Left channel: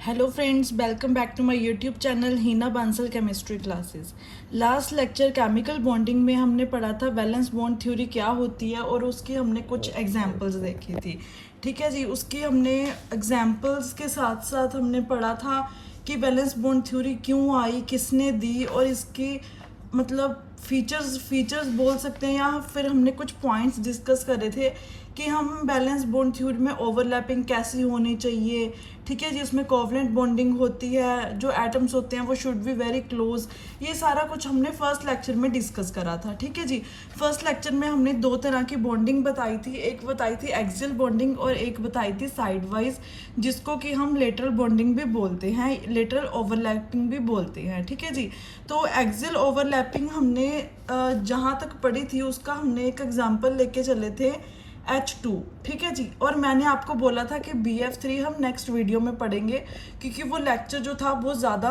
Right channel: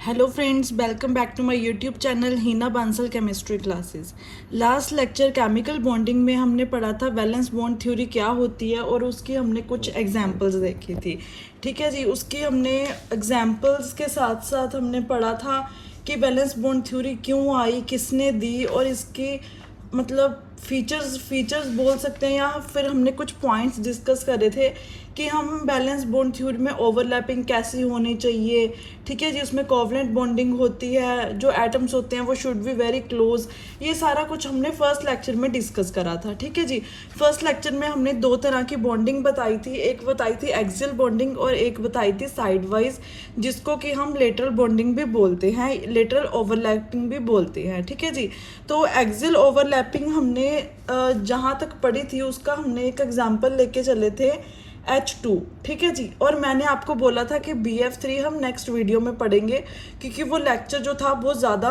Hello friends, welcome back to my YouTube channel Heena Bansal chemistry classes. Last lecture chemical bonding में हमने पढ़ा था valence bond theory क्या होती है और उसकी हमने कुछ एग्जांपल्स देखी थी। ठीक है जी, उसकी हमने एग्जांपल्स के साथ साथ हमने पढ़ा था कि वैलेंस बॉन्ड थ्योरी क्यों आई, किसने दी और इसकी मतलब फीचर्स बोल सकते हैं, या फिर हमने कुछ पॉइंट्स डिस्कस करे थे कि हम बैलेंस बॉन्ड थ्योरी में ओवरलैपिंग कैसी होनी चाहिए। ठीक है जी, उसमें कोवलेंट बॉन्डिंग होती है, जो एटम्स होते हैं वो शुड बी वेरी क्लोज। ये सारा कुछ हमने फर्स्ट लेक्चर में डिस्कस करा था। ठीक है जी, फर्स्ट लेक्चर में हमने दो तरह की बॉन्डिंग बताई थी, एक बताई थी एक्सियल बॉन्डिंग और एक बताई थी साइड वाइज, जिसको कि हम लेटरल बॉन्डिंग भी बोलते हैं, लेटरल ओवरलैपिंग भी बोलते हैं। ठीक है जी, तो एक्सियल ओवरलैपिंग हमने जहाँ तक पढ़ी थी उसका हमने एक एग्जाम्पल लेके चले थे H2। ठीक है जी, और मैंने आपको बोला था कि BF3 हम नेक्स्ट वीडियो में पढ़ेंगे, क्योंकि वो लेक्चर जो था बहुत ज़्यादा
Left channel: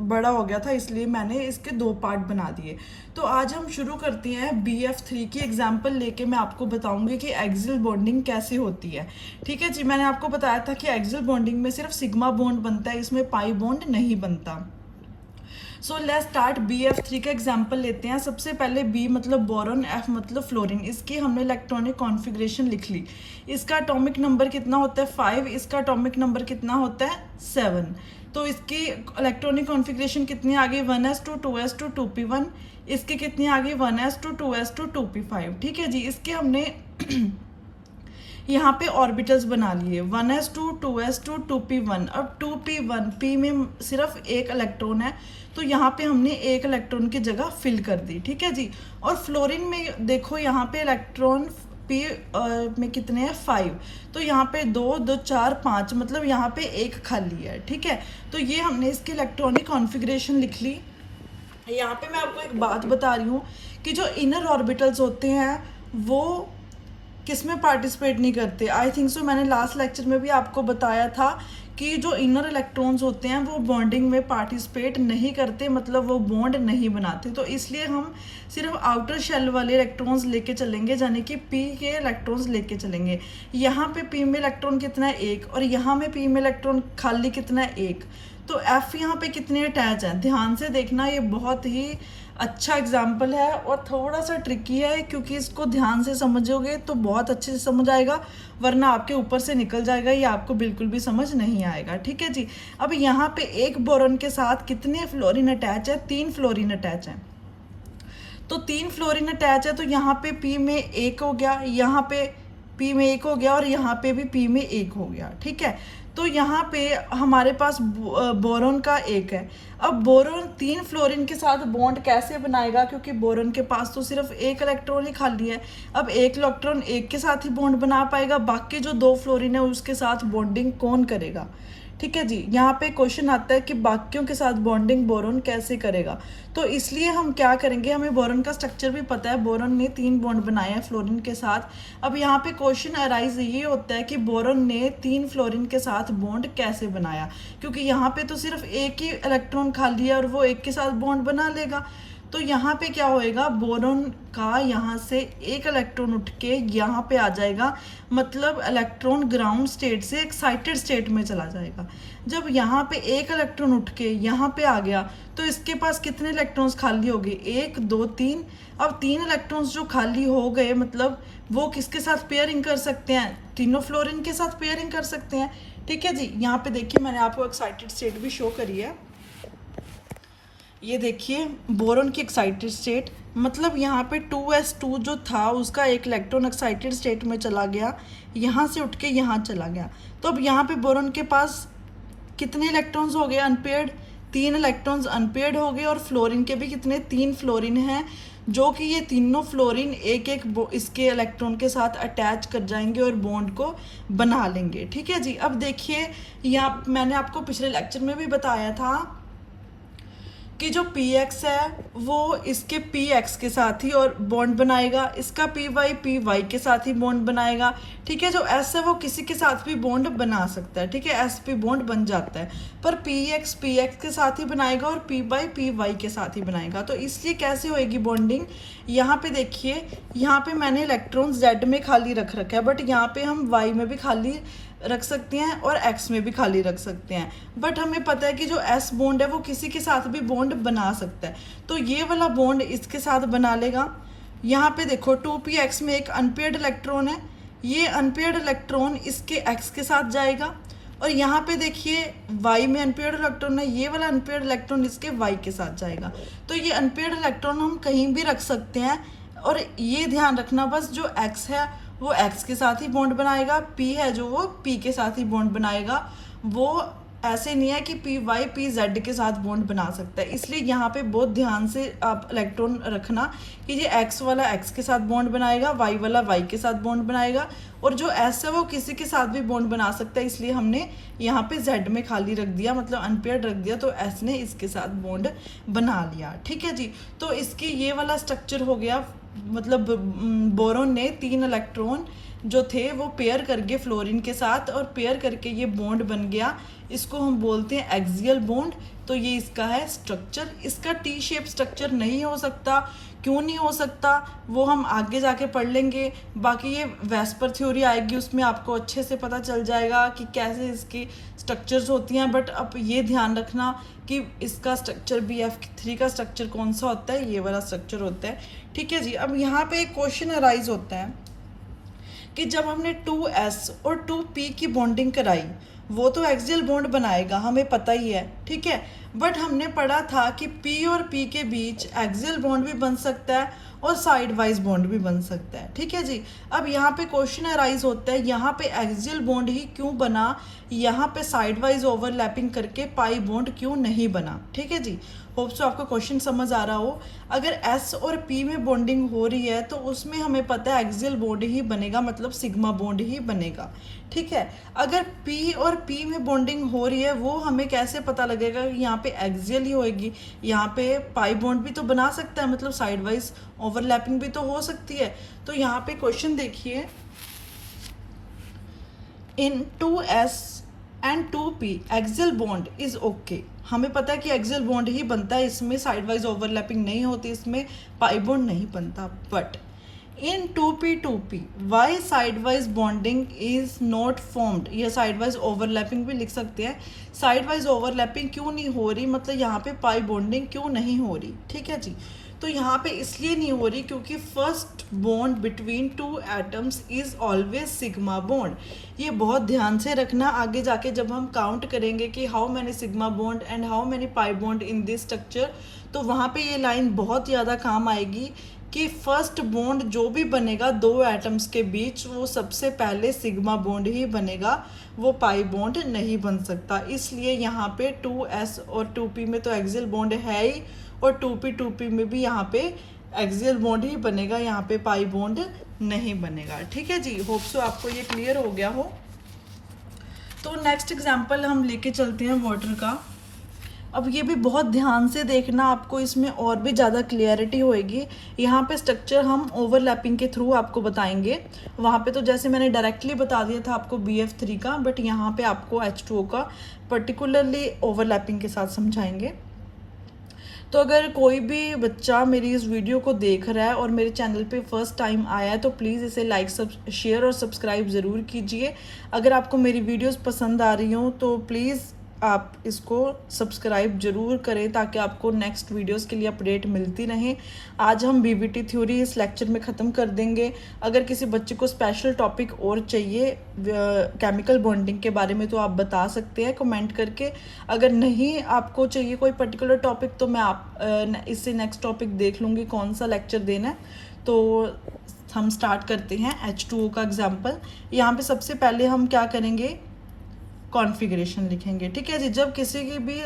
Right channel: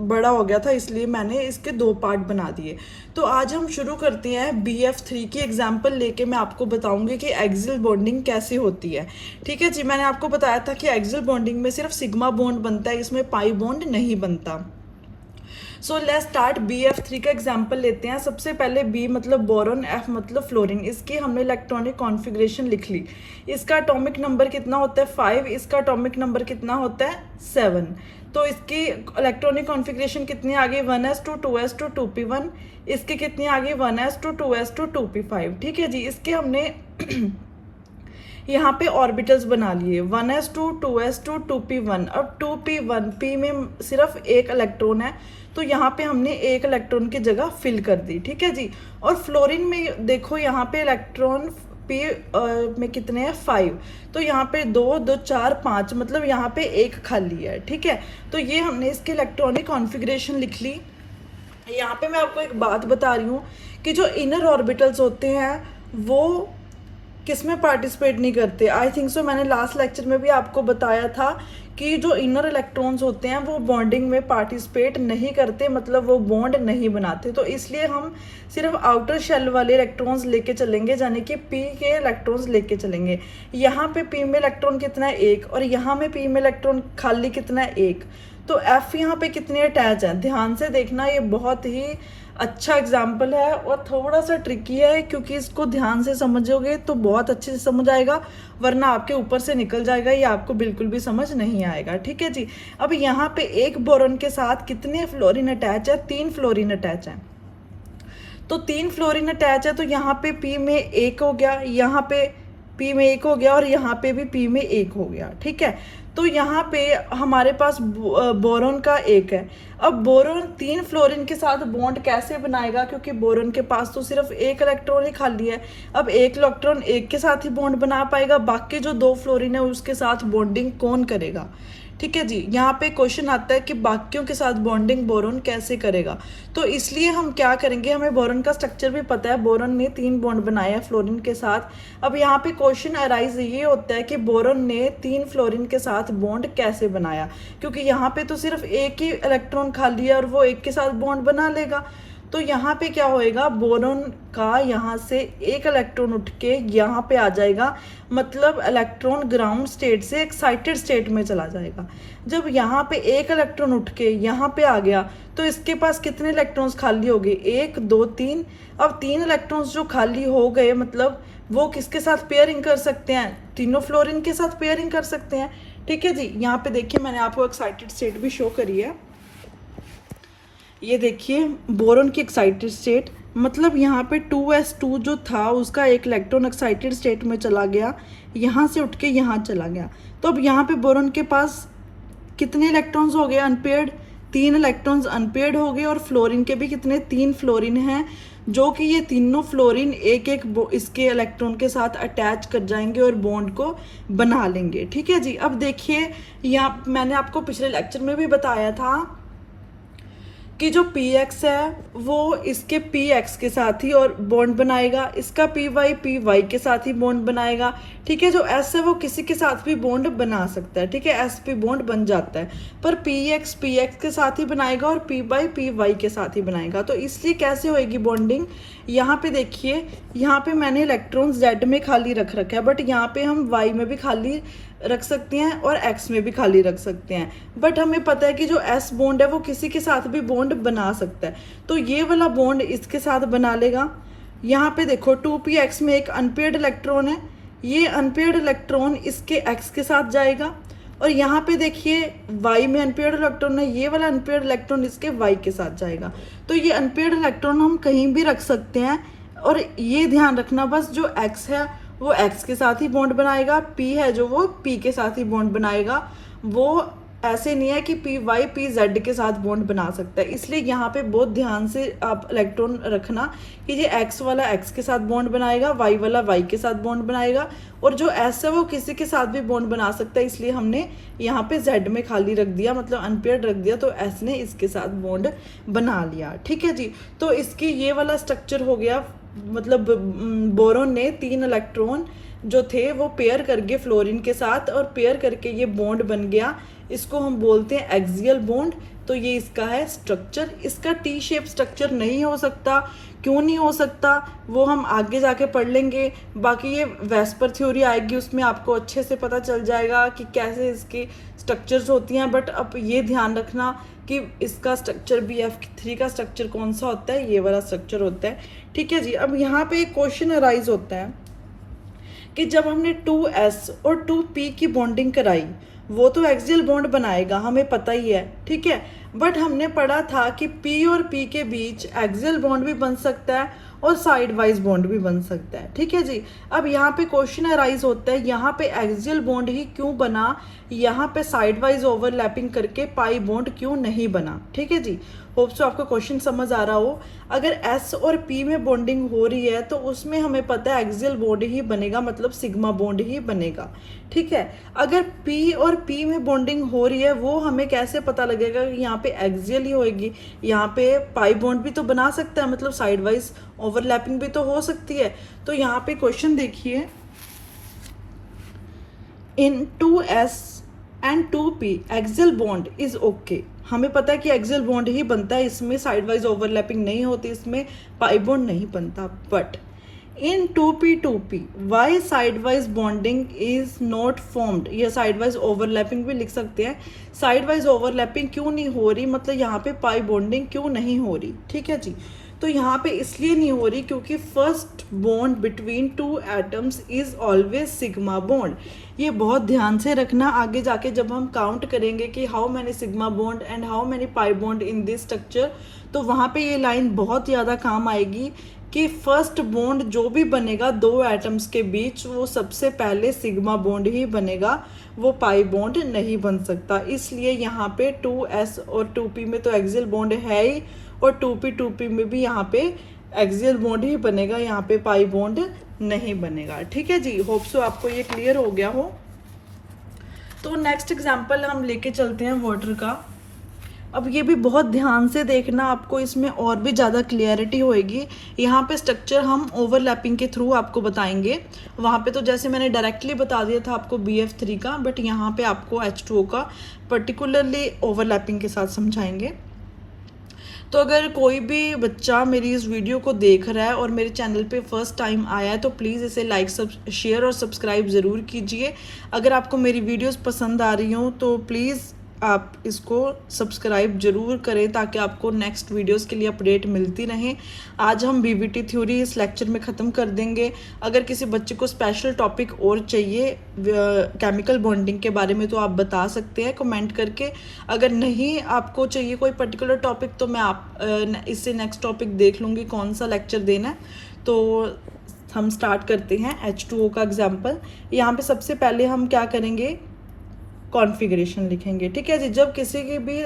बड़ा हो गया था, इसलिए मैंने इसके दो पार्ट बना दिए। तो आज हम शुरू करते हैं BF3 की एग्जाम्पल लेके। मैं आपको बताऊंगी कि एक्सियल बॉन्डिंग कैसे होती है। ठीक है जी, मैंने आपको बताया था कि एक्सियल बॉन्डिंग में सिर्फ सिग्मा बॉन्ड बनता है, इसमें पाई बॉन्ड नहीं बनता। So let's start. BF3 का एग्जाम्पल लेते हैं। सबसे पहले B मतलब बोरॉन, F मतलब फ्लोरीन। इसकी हमने इलेक्ट्रॉनिक कॉन्फ़िगरेशन लिख ली। इसका एटॉमिक नंबर कितना होता है 5, इसका एटॉमिक नंबर कितना होता है 7। तो इसकी इलेक्ट्रॉनिक कॉन्फ़िगरेशन कितनी आ गई 1s2 2s2 2p1। इसकी कितनी आ गई 1s2 2s2 2p5। ठीक है जी, इसके हमने यहाँ पे ऑर्बिटल्स बना लिए 1s2 2s2 2p1। अब 2p1 p में सिर्फ एक इलेक्ट्रॉन है, तो यहाँ पे हमने एक इलेक्ट्रॉन की जगह फिल कर दी। ठीक है जी, और फ्लोरीन में देखो यहाँ पे इलेक्ट्रॉन p में कितने हैं 5, तो यहाँ पे 2 2 4 5, मतलब यहाँ पे एक खाली है। ठीक है, तो ये हमने इसके इलेक्ट्रॉनिक कॉन्फ़िगरेशन लिख ली। यहाँ पे मैं आपको एक बात बता रही हूँ कि जो इनर ऑर्बिटल्स होते हैं वो किस में पार्टिसिपेट नहीं करते। आई थिंक सो मैंने लास्ट लेक्चर में भी आपको बताया था कि जो इनर इलेक्ट्रॉन्स होते हैं वो बॉन्डिंग में पार्टिसिपेट नहीं करते, मतलब वो बॉन्ड नहीं बनाते। तो इसलिए हम सिर्फ आउटर शेल वाले इलेक्ट्रॉन्स लेके चलेंगे, यानी कि पी के इलेक्ट्रॉन्स लेके चलेंगे। यहाँ पे पी में इलेक्ट्रॉन कितना है 1, और यहाँ में पी में इलेक्ट्रॉन खाली कितना है 1। तो एफ यहाँ पे कितने अटैच है, ध्यान से देखना। ये बहुत ही अच्छा एग्जाम्पल है और थोड़ा सा ट्रिकी है, क्योंकि इसको ध्यान से समझोगे तो बहुत अच्छे से समझ आएगा, वरना आपके ऊपर से निकल जाएगा, ये आपको बिल्कुल भी समझ नहीं आएगा। ठीक है जी, अब यहाँ पे एक बोरॉन के साथ कितने फ्लोरीन अटैच है 3 फ्लोरीन अटैच है। तो 3 फ्लोरीन अटैच है, तो यहाँ पे पी में 1 हो गया, यहाँ पे पी में 1 हो गया और यहाँ पे भी पी में 1 हो गया। ठीक है, तो यहाँ पे हमारे पास बोरॉन का 1 है। अब बोरॉन 3 फ्लोरीन के साथ बॉन्ड कैसे बनाएगा, क्योंकि बोरॉन के पास तो सिर्फ एक इलेक्ट्रॉन ही खाली है। अब एक इलेक्ट्रॉन एक के साथ ही बॉन्ड बना पाएगा, बाकी जो 2 फ्लोरीन है उसके साथ बॉन्डिंग कौन करेगा। ठीक है जी, यहाँ पे क्वेश्चन आता है कि बाकियों के साथ बॉन्डिंग बोरॉन कैसे करेगा। तो इसलिए हम क्या करेंगे, हमें बोरॉन का स्ट्रक्चर भी पता है, बोरॉन ने 3 बॉन्ड बनाए हैं फ्लोरीन के साथ। अब यहाँ पे क्वेश्चन अराइज ये होता है कि बोरॉन ने 3 फ्लोरीन के साथ बॉन्ड कैसे बनाया, क्योंकि यहाँ पे तो सिर्फ एक ही इलेक्ट्रॉन खाली है और वो एक के साथ बॉन्ड बना लेगा। तो यहाँ पे क्या होएगा, बोरॉन का यहाँ से एक इलेक्ट्रॉन उठ के यहाँ पे आ जाएगा, मतलब इलेक्ट्रॉन ग्राउंड स्टेट से एक्साइटेड स्टेट में चला जाएगा। जब यहाँ पे एक इलेक्ट्रॉन उठ के यहाँ पे आ गया तो इसके पास कितने इलेक्ट्रॉन्स खाली हो गए 1 2 3। अब 3 इलेक्ट्रॉन्स जो खाली हो गए, मतलब वो किसके साथ पेयरिंग कर सकते हैं, तीनों फ्लोरीन के साथ पेयरिंग कर सकते हैं। ठीक है जी, यहाँ पे देखिए मैंने आपको एक्साइटेड स्टेट भी शो करी है। ये देखिए बोरॉन की एक्साइटेड स्टेट, मतलब यहाँ पे 2s2 जो था उसका एक इलेक्ट्रॉन एक्साइटेड स्टेट में चला गया, यहाँ से उठ के यहाँ चला गया। तो अब यहाँ पे बोरॉन के पास कितने इलेक्ट्रॉन्स हो गए अनपेयर्ड, 3 इलेक्ट्रॉन्स अनपेयर्ड हो गए। और फ्लोरीन के भी कितने 3 फ्लोरीन हैं, जो कि ये तीनों फ्लोरीन एक एक इसके इलेक्ट्रॉन के साथ अटैच कर जाएंगे और बॉन्ड को बना लेंगे। ठीक है जी, अब देखिए यहाँ मैंने आपको पिछले लेक्चर में भी बताया था कि जो px है वो इसके px के साथ ही और बॉन्ड बनाएगा, इसका py के साथ ही बॉन्ड बनाएगा। ठीक है। जो एस है वो किसी के साथ भी बॉन्ड बना सकता है, ठीक है, एस पी बॉन्ड बन जाता है, पर पी एक्स के साथ ही बनाएगा और पी बाई पी वाई के साथ ही बनाएगा। तो इसलिए कैसे होएगी बॉन्डिंग, यहाँ पे देखिए, यहाँ पे मैंने इलेक्ट्रॉन जेड में खाली रख रखा है, बट यहाँ पे हम वाई में भी खाली रख सकते हैं और एक्स में भी खाली रख सकते हैं, बट हमें पता है कि जो एस बॉन्ड है वो किसी के साथ भी बॉन्ड बना सकता है। तो ये वाला बॉन्ड इसके साथ बना लेगा। यहाँ पे देखो 2px में एक अनपेयर्ड इलेक्ट्रॉन है, ये अनपेयर्ड इलेक्ट्रॉन इसके x के साथ जाएगा, और यहाँ पे देखिए y में अनपेयर्ड इलेक्ट्रॉन है, ये वाला अनपेयर्ड इलेक्ट्रॉन इसके y के साथ जाएगा। तो ये अनपेयर्ड इलेक्ट्रॉन हम कहीं भी रख सकते हैं, और ये ध्यान रखना बस जो x है वो x के साथ ही बॉन्ड बनाएगा, p है जो वो p के साथ ही बॉन्ड बनाएगा। वो ऐसे नहीं है कि पी वाई पी जेड के साथ बॉन्ड बना सकता है। इसलिए यहाँ पे बहुत ध्यान से आप इलेक्ट्रॉन रखना कि ये एक्स वाला एक्स के साथ बॉन्ड बनाएगा, वाई वाला वाई के साथ बॉन्ड बनाएगा, और जो एस है वो किसी के साथ भी बॉन्ड बना सकता है। इसलिए हमने यहाँ पे जेड में खाली रख दिया, मतलब अनपेयर्ड रख दिया, तो एस ने इसके साथ बॉन्ड बना लिया, ठीक है जी। तो इसके ये वाला स्ट्रक्चर हो गया, मतलब बोरोन ने 3 इलेक्ट्रॉन जो थे वो पेयर करके फ्लोरीन के साथ, और पेयर करके ये बॉन्ड बन गया, इसको हम बोलते हैं एक्सियल बॉन्ड। तो ये इसका है स्ट्रक्चर। इसका टी शेप स्ट्रक्चर नहीं हो सकता, क्यों नहीं हो सकता वो हम आगे जाके पढ़ लेंगे। बाकी ये वेस्पर थ्योरी आएगी, उसमें आपको अच्छे से पता चल जाएगा कि कैसे इसकी स्ट्रक्चर्स होती हैं। बट अब ये ध्यान रखना कि इसका स्ट्रक्चर BF3 का स्ट्रक्चर कौन सा होता है, ये वाला स्ट्रक्चर होता है, ठीक है जी। अब यहाँ पे एक क्वेश्चन अराइज होता है कि जब हमने 2s और 2p की बॉन्डिंग कराई, वो तो एक्सियल बॉन्ड बनाएगा, हमें पता ही है, ठीक है, बट हमने पढ़ा था कि p और p के बीच एक्सियल बॉन्ड भी बन सकता है और साइड वाइज बॉन्ड भी बन सकता है, ठीक है जी। अब यहाँ पे क्वेश्चन अराइज होता है, यहाँ पे एक्सियल बॉन्ड ही क्यों बना, यहाँ पे साइड वाइज ओवरलैपिंग करके पाई बॉन्ड क्यों नहीं बना, ठीक है जी। होप सो आपको क्वेश्चन समझ आ रहा हो। अगर S और P में बॉन्डिंग हो रही है तो उसमें हमें पता है एक्सियल बॉन्ड ही बनेगा, मतलब सिग्मा बॉन्ड ही बनेगा, ठीक है। अगर P और P में बॉन्डिंग हो रही है, वो हमें कैसे पता लगेगा कि यहाँ पे एक्सियल ही होएगी, यहाँ पे पाई बॉन्ड भी तो बना सकता है, मतलब साइड वाइज ओवरलैपिंग भी तो हो सकती है। तो यहाँ पे क्वेश्चन देखिए, इन 2s and 2p axial bond is okay. हमें पता है कि एक्सियल बॉन्ड ही बनता है, इसमें साइड वाइज ओवरलैपिंग नहीं होती, इसमें पाई बॉन्ड नहीं बनता। But in 2p Y side wise bonding is not formed, ये साइड वाइज ओवरलैपिंग भी लिख सकते हैं। साइड वाइज ओवरलैपिंग क्यों नहीं हो रही, मतलब यहाँ पे पाई बॉन्डिंग क्यों नहीं हो रही, ठीक है जी। तो यहाँ पे इसलिए नहीं हो रही क्योंकि first bond between 2 atoms is always sigma bond. ये बहुत ध्यान से रखना, आगे जाके जब हम काउंट करेंगे कि how many sigma bond and how many pi bond in this structure, तो वहाँ पे ये लाइन बहुत ज़्यादा काम आएगी कि फर्स्ट बॉन्ड जो भी बनेगा 2 एटम्स के बीच, वो सबसे पहले सिग्मा बॉन्ड ही बनेगा, वो पाई बॉन्ड नहीं बन सकता। इसलिए यहाँ पे 2s और 2p में तो एक्सियल बॉन्ड है ही, और 2p में भी यहाँ पे एक्सियल बॉन्ड ही बनेगा, यहाँ पे पाई बॉन्ड नहीं बनेगा, ठीक है जी। होप सो आपको ये क्लियर हो गया हो। तो नेक्स्ट एग्जांपल हम लेके चलते हैं वाटर का। अब ये भी बहुत ध्यान से देखना, आपको इसमें और भी ज़्यादा क्लियरिटी होएगी। यहाँ पे स्ट्रक्चर हम ओवरलैपिंग के थ्रू आपको बताएंगे, वहाँ पे तो जैसे मैंने डायरेक्टली बता दिया था आपको BF3 का, बट यहाँ पे आपको H2O का पर्टिकुलरली ओवरलैपिंग के साथ समझाएंगे। तो अगर कोई भी बच्चा मेरी इस वीडियो को देख रहा है और मेरे चैनल पे फर्स्ट टाइम आया है, तो प्लीज़ इसे लाइक शेयर और सब्सक्राइब ज़रूर कीजिए। अगर आपको मेरी वीडियोस पसंद आ रही हों तो प्लीज़ आप इसको सब्सक्राइब जरूर करें, ताकि आपको नेक्स्ट वीडियोस के लिए अपडेट मिलती रहे। आज हम BBT थ्योरी इस लेक्चर में ख़त्म कर देंगे। अगर किसी बच्चे को स्पेशल टॉपिक और चाहिए केमिकल बॉन्डिंग के बारे में, तो आप बता सकते हैं कमेंट करके। अगर नहीं आपको चाहिए कोई पर्टिकुलर टॉपिक, तो मैं इससे नेक्स्ट टॉपिक देख लूँगी कौन सा लेक्चर देना है। तो हम स्टार्ट करते हैं H2O का एग्जाम्पल। यहाँ पे सबसे पहले हम क्या करेंगे, कॉन्फ़िगरेशन लिखेंगे, ठीक है जी। जब किसी की भी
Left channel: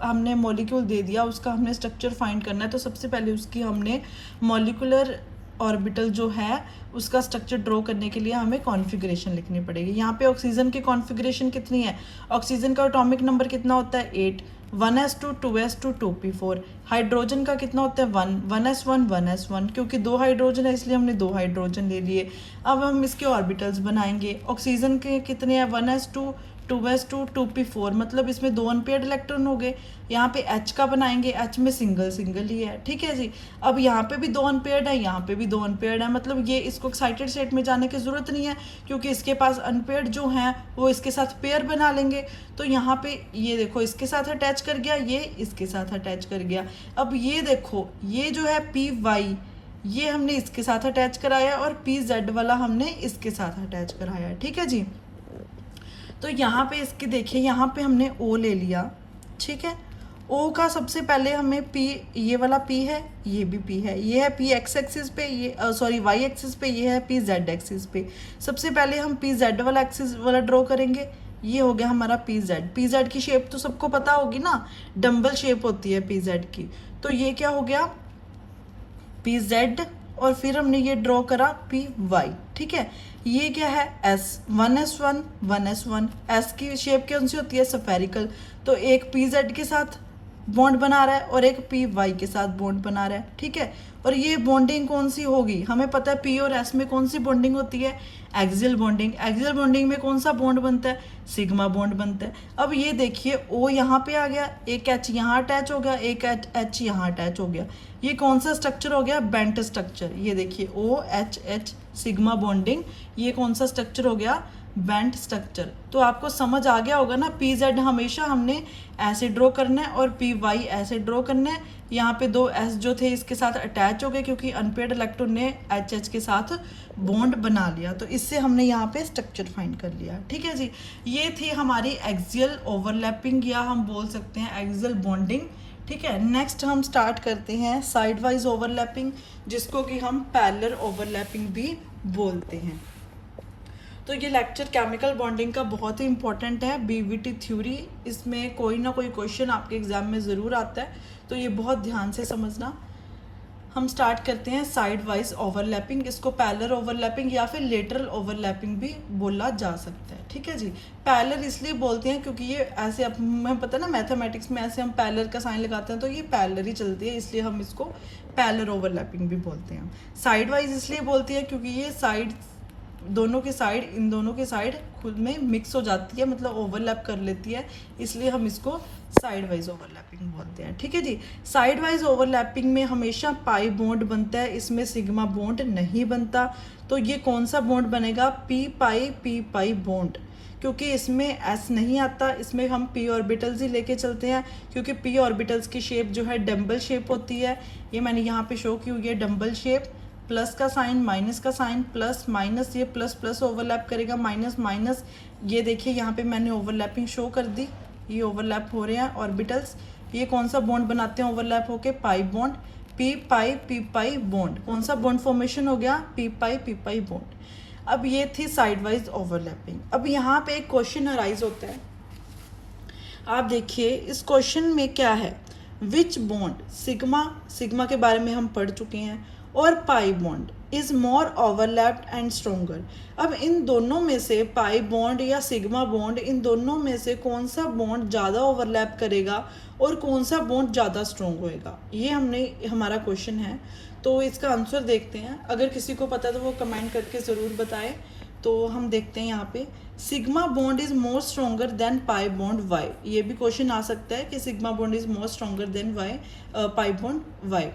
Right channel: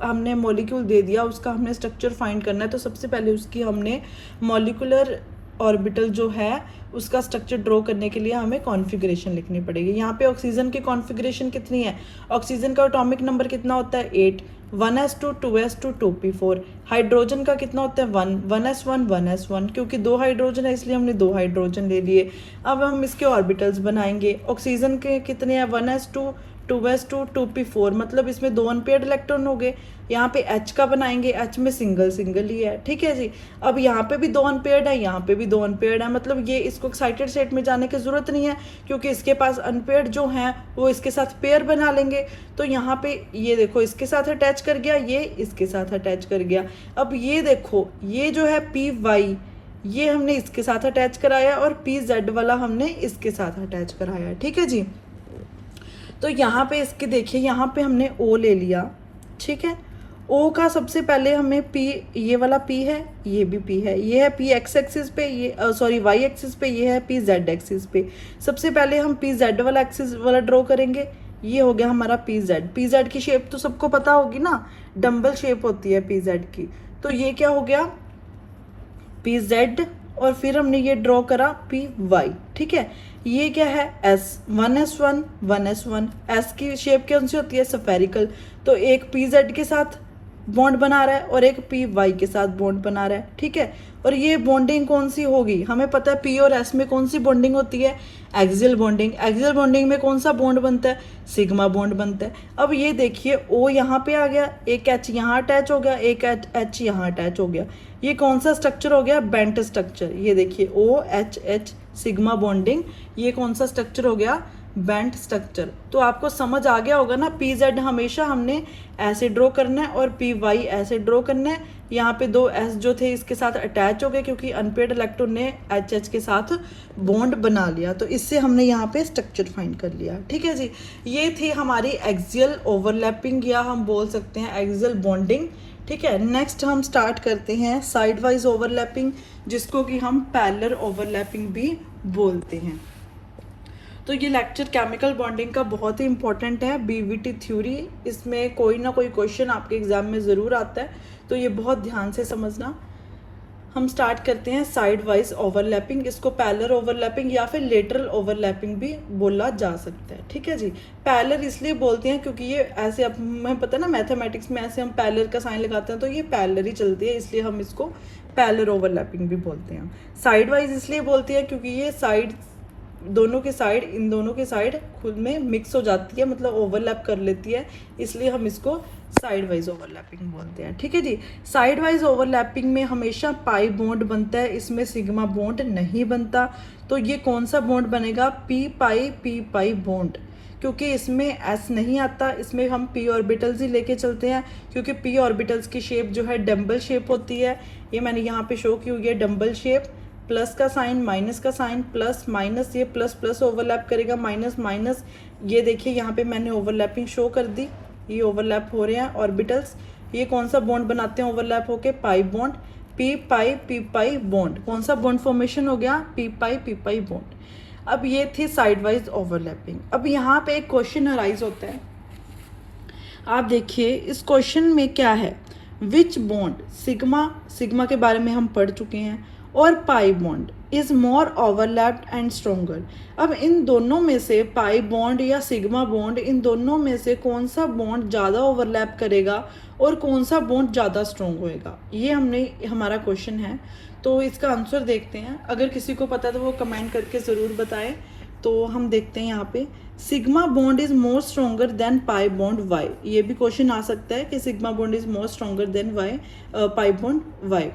हमने मॉलिक्यूल दे दिया, उसका हमने स्ट्रक्चर फाइंड करना है, तो सबसे पहले उसकी हमने मॉलिक्यूलर ऑर्बिटल जो है उसका स्ट्रक्चर ड्रॉ करने के लिए हमें कॉन्फ़िगरेशन लिखनी पड़ेगी। यहाँ पे ऑक्सीजन की कॉन्फ़िगरेशन कितनी है, ऑक्सीजन का एटॉमिक नंबर कितना होता है 8, 1s2 2s2 2p4। हाइड्रोजन का कितना होता है 1, 1s1 1s1, क्योंकि 2 हाइड्रोजन है इसलिए हमने 2 हाइड्रोजन ले लिए। अब हम इसके ऑर्बिटल्स बनाएंगे। ऑक्सीजन के कितने हैं 1s2 2s2 2p4, मतलब इसमें 2 अनपेयर्ड इलेक्ट्रॉन हो गए। यहाँ पे H का बनाएंगे, H में सिंगल सिंगल ही है, ठीक है जी। अब यहाँ पे भी 2 अनपेयर्ड है, यहाँ पे भी 2 अनपेयर्ड है, मतलब ये इसको एक्साइटेड स्टेट में जाने की जरूरत नहीं है क्योंकि इसके पास अनपेयर्ड जो हैं वो इसके साथ पेयर बना लेंगे। तो यहाँ पे ये देखो इसके साथ अटैच कर गया, ये इसके साथ अटैच कर गया। अब ये देखो ये जो है PY ये हमने इसके साथ अटैच कराया और PZ वाला हमने इसके साथ अटैच कराया, ठीक है जी। तो यहाँ पे इसके देखिए यहाँ पे हमने O ले लिया, ठीक है। O का सबसे पहले हमें P, ये वाला P है, ये भी P है, ये है P x एक्सिस पे, ये सॉरी y एक्सिस पे, ये है P z एक्सिस पे। सबसे पहले हम P z वाला एक्सिस वाला ड्रॉ करेंगे। ये हो गया हमारा P z। P z की शेप तो सबको पता होगी ना, डम्बल शेप होती है P z की। तो ये क्या हो गया P z और फिर हमने ये ड्रॉ करा P y, ठीक है। ये क्या है S, 1s1 1s1। S की शेप कौन सी होती है स्फेरिकल, तो एक PZ के साथ बॉन्ड बना रहा है और एक PY के साथ बॉन्ड बना रहा है, ठीक है। और ये बॉन्डिंग कौन सी होगी, हमें पता है P और S में कौन सी बॉन्डिंग होती है, एक्सियल बॉन्डिंग। एक्सियल बॉन्डिंग में कौन सा बॉन्ड बनता है, सिग्मा बॉन्ड बनता है। अब ये देखिए O यहाँ पे आ गया, एक H यहाँ अटैच हो गया, एक H यहाँ अटैच हो गया। ये कौन सा स्ट्रक्चर हो गया, बेंट स्ट्रक्चर। ये देखिए OH सिग्मा बॉन्डिंग, ये कौन सा स्ट्रक्चर हो गया, बेंट स्ट्रक्चर। तो आपको समझ आ गया होगा ना, PZ हमेशा हमने ऐसे ड्रॉ करना है और PY ऐसे ड्रॉ करना है। यहाँ पे 2 S जो थे इसके साथ अटैच हो गए क्योंकि अनपेयर्ड इलेक्ट्रॉन ने HH के साथ बॉन्ड बना लिया, तो इससे हमने यहाँ पे स्ट्रक्चर फाइंड कर लिया, ठीक है जी। ये थी हमारी एक्सियल ओवरलैपिंग या हम बोल सकते हैं एक्सियल बॉन्डिंग, ठीक है। नेक्स्ट हम स्टार्ट करते हैं साइड वाइज ओवरलैपिंग, जिसको कि हम पैरेलल ओवरलैपिंग भी बोलते हैं। तो ये लेक्चर केमिकल बॉन्डिंग का बहुत ही इंपॉर्टेंट है, BVT थ्योरी। इसमें कोई ना कोई क्वेश्चन आपके एग्जाम में ज़रूर आता है, तो ये बहुत ध्यान से समझना। हम स्टार्ट करते हैं साइड वाइज ओवरलैपिंग। इसको पैरेलल ओवरलैपिंग या फिर लेटरल ओवरलैपिंग भी बोला जा सकता है, ठीक है जी। पैरेलल इसलिए बोलते हैं क्योंकि ये ऐसे, हमें पता है ना मैथमेटिक्स में ऐसे हम पैरेलल का साइन लगाते हैं तो ये पैरेलल ही चलती है, इसलिए हम इसको पैरेलल ओवरलैपिंग भी बोलते हैं। साइड वाइज इसलिए बोलती है क्योंकि ये साइड दोनों की साइड, इन दोनों की साइड खुद में मिक्स हो जाती है, मतलब ओवरलैप कर लेती है, इसलिए हम इसको साइड वाइज ओवरलैपिंग बोलते हैं, ठीक है जी। साइड वाइज ओवरलैपिंग में हमेशा पाई बॉन्ड बनता है, इसमें सिग्मा बॉन्ड नहीं बनता। तो ये कौन सा बॉन्ड बनेगा, पी पाई बॉन्ड, क्योंकि इसमें S नहीं आता, इसमें हम p ऑर्बिटल्स ही लेके चलते हैं क्योंकि p ऑर्बिटल्स की शेप जो है डम्बल शेप होती है। ये मैंने यहाँ पे शो की हुई है डम्बल शेप, प्लस का साइन माइनस का साइन, प्लस माइनस, ये प्लस प्लस ओवरलैप करेगा, माइनस माइनस। ये देखिए यहाँ पे मैंने ओवरलैपिंग शो कर दी, ये ओवरलैप हो रहे हैं ऑर्बिटल्स। ये कौन सा बॉन्ड बनाते हैं ओवरलैप होके, pi bond, P pi bond. कौन सा बॉन्ड फॉर्मेशन हो गया, पी पाई बॉन्ड। अब ये थी साइड वाइज ओवरलैपिंग। अब यहाँ पे एक क्वेश्चन अराइज होता है, आप देखिए इस क्वेश्चन में क्या है, विच बॉन्ड, सिग्मा के बारे में हम पढ़ चुके हैं, और pi bond is more overlapped and stronger. अब इन दोनों में से पाई बॉन्ड या सिग्मा बॉन्ड, इन दोनों में से कौन सा बॉन्ड ज़्यादा ओवरलैप करेगा और कौन सा बॉन्ड ज़्यादा स्ट्रोंग होएगा, ये हमारा क्वेश्चन है। तो इसका आंसर देखते हैं, अगर किसी को पता है तो वो कमेंट करके ज़रूर बताएं। तो हम देखते हैं यहाँ पे, sigma bond is more stronger than pi bond Y. ये भी क्वेश्चन आ सकता है कि sigma bond is more stronger than Y, pi bond Y,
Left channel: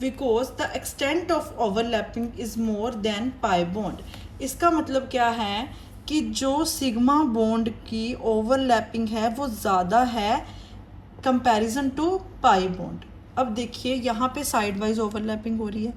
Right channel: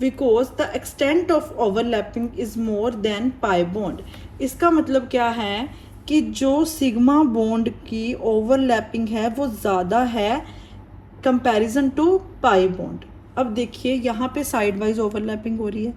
because the extent of overlapping is more than pi bond. इसका मतलब क्या है कि जो सिग्मा बॉन्ड की ओवरलैपिंग है वो ज़्यादा है कंपैरिजन टू पाई बॉन्ड। अब देखिए यहाँ पे साइड वाइज ओवरलैपिंग हो रही है,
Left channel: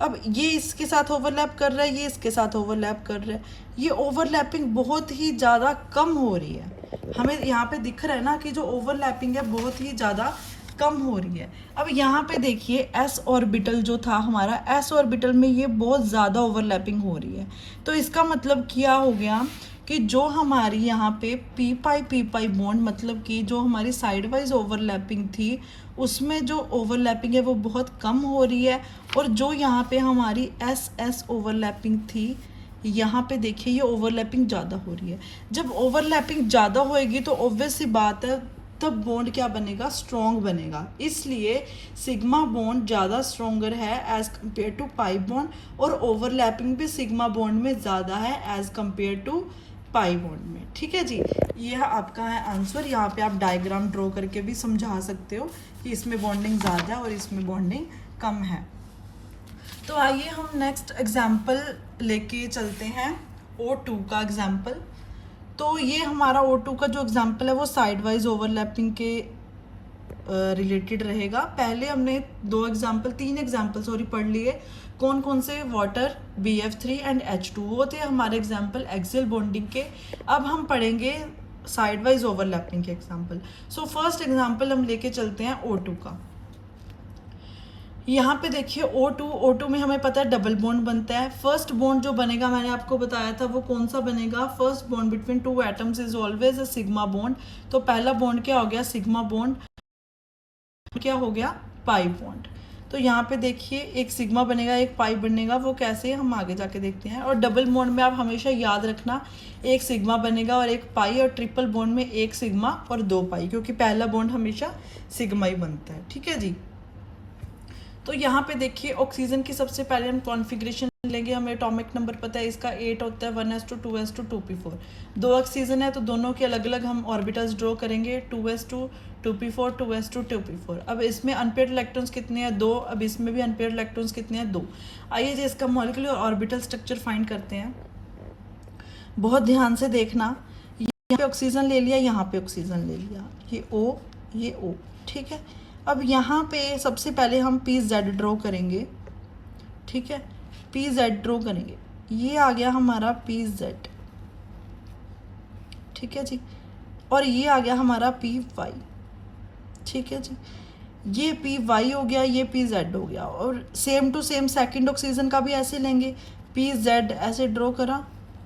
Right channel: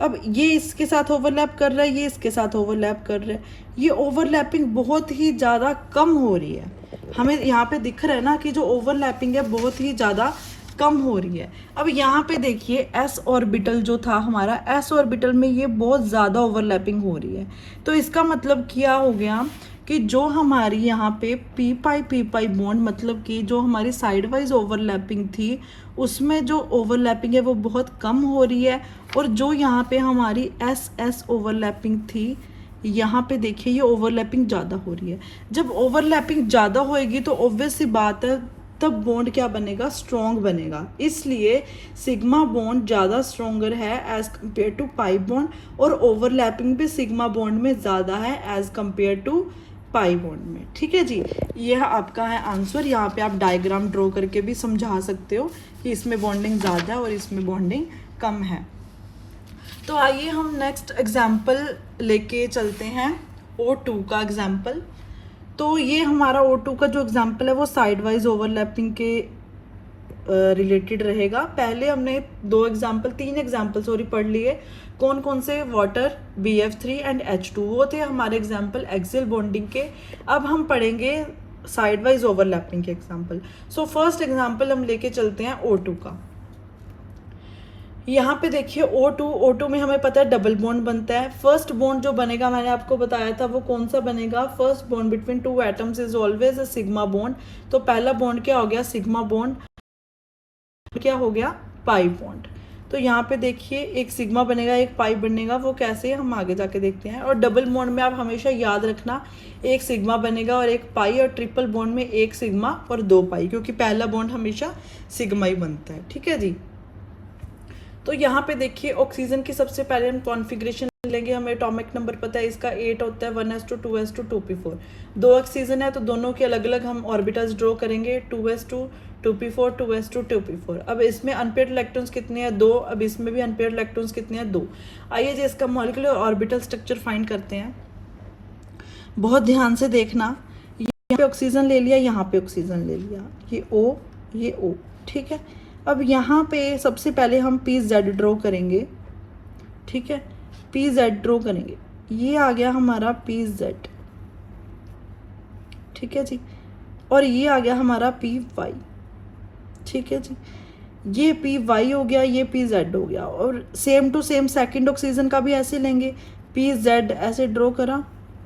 अब ये इसके साथ ओवरलैप कर रहा है, ये इसके साथ ओवरलैप कर रहा है, ये ओवरलैपिंग बहुत ही ज़्यादा कम हो रही है। हमें यहाँ पे दिख रहा है ना कि जो ओवरलैपिंग है बहुत ही ज़्यादा कम हो रही है। अब यहाँ पे देखिए S ऑर्बिटल जो था हमारा, S ऑर्बिटल में ये बहुत ज़्यादा ओवरलैपिंग हो रही है। तो इसका मतलब क्या हो गया कि जो हमारी यहाँ पे पी पाई बॉन्ड, मतलब कि जो हमारी साइड वाइज ओवरलैपिंग थी उसमें जो ओवरलैपिंग है वो बहुत कम हो रही है, और जो यहाँ पे हमारी एस ओवरलैपिंग थी यहाँ पे देखिए ये ओवरलैपिंग ज़्यादा हो रही है। जब ओवरलैपिंग ज़्यादा होएगी तो ऑब्वियस सी बात है तब बॉन्ड क्या बनेगा, स्ट्रॉन्ग बनेगा। इसलिए सिग्मा बॉन्ड ज़्यादा स्ट्रॉन्गर है as compare to pi bond, और ओवरलैपिंग भी सिग्मा बॉन्ड में ज़्यादा है as compare to pi bond में। ठीक है जी, यह आपका है आंसर। यहाँ पे आप डायग्राम ड्रॉ करके भी समझा सकते हो कि इसमें बॉन्डिंग ज़्यादा है और इसमें बॉन्डिंग कम है। तो आइए हम नेक्स्ट एग्जाम्पल लेके चलते हैं, O2 का एग्जाम्पल। तो ये हमारा O2 का जो एग्जाम्पल है वो साइड वाइज ओवरलैपिंग के रिलेटेड रहेगा। पहले हमने तीन एग्जाम्पल पढ़ लिए। कौन कौन से, वाटर, BF3 एंड H2, वो थे हमारे एग्जाम्पल एक्सियल बॉन्डिंग के। अब हम पढ़ेंगे साइड वाइज ओवरलैपिंग के एग्जाम्पल। सो फर्स्ट एग्जाम्पल हम लेके चलते हैं O2 का। यहाँ पे देखिए O2 में हमें पता है डबल बॉन्ड बनता है। फर्स्ट बॉन्ड जो बनेगा मैंने आपको बताया था वो कौन सा बनेगा, first bond between two atoms is always a sigma bond. तो पहला बॉन्ड क्या हो गया, सिग्मा बॉन्ड, क्या हो गया, पाई बॉन्ड। तो यहाँ पे देखिए एक सिग्मा बनेगा एक पाई बनेगा, वो कैसे हम आगे जाके देखते हैं। और डबल बॉन्ड में आप हमेशा याद रखना एक सिग्मा बनेगा और एक पाई, और ट्रिपल बॉन्ड में एक सिग्मा और दो पाई, क्योंकि पहला बॉन्ड हमेशा सिग्मा ही बनता है। ठीक है जी। तो यहाँ पे देखिए ऑक्सीजन की सबसे पहले हम कॉन्फ़िगरेशन लेंगे। हमें एटॉमिक नंबर पता है इसका 8 होता है, 1s2 2s2 2p4। दो ऑक्सीजन है तो दोनों के अलग अलग हम ऑर्बिटल्स ड्रॉ करेंगे, 2s2 2p4 2s2 2p4। अब इसमें अनपेयर्ड इलेक्ट्रॉन्स कितने हैं, 2। अब इसमें भी अनपेयर्ड इलेक्ट्रॉन्स कितने हैं, 2। आइए जी इसका मॉलिक्यूलर ऑर्बिटल स्ट्रक्चर फाइंड करते हैं। बहुत ध्यान से देखना, यहाँ पे ऑक्सीजन ले लिया, यहाँ पे ऑक्सीजन ले लिया, ये O ये O। ठीक है। अब यहाँ पे सबसे पहले हम PZ ड्रॉ करेंगे। ठीक है, PZ ड्रॉ करेंगे, ये आ गया हमारा PZ। ठीक है जी, और ये आ गया हमारा PY। ठीक है जी, ये PY हो गया, ये PZ हो गया। और same to same second oxygen का भी ऐसे लेंगे, PZ ऐसे ड्रॉ करा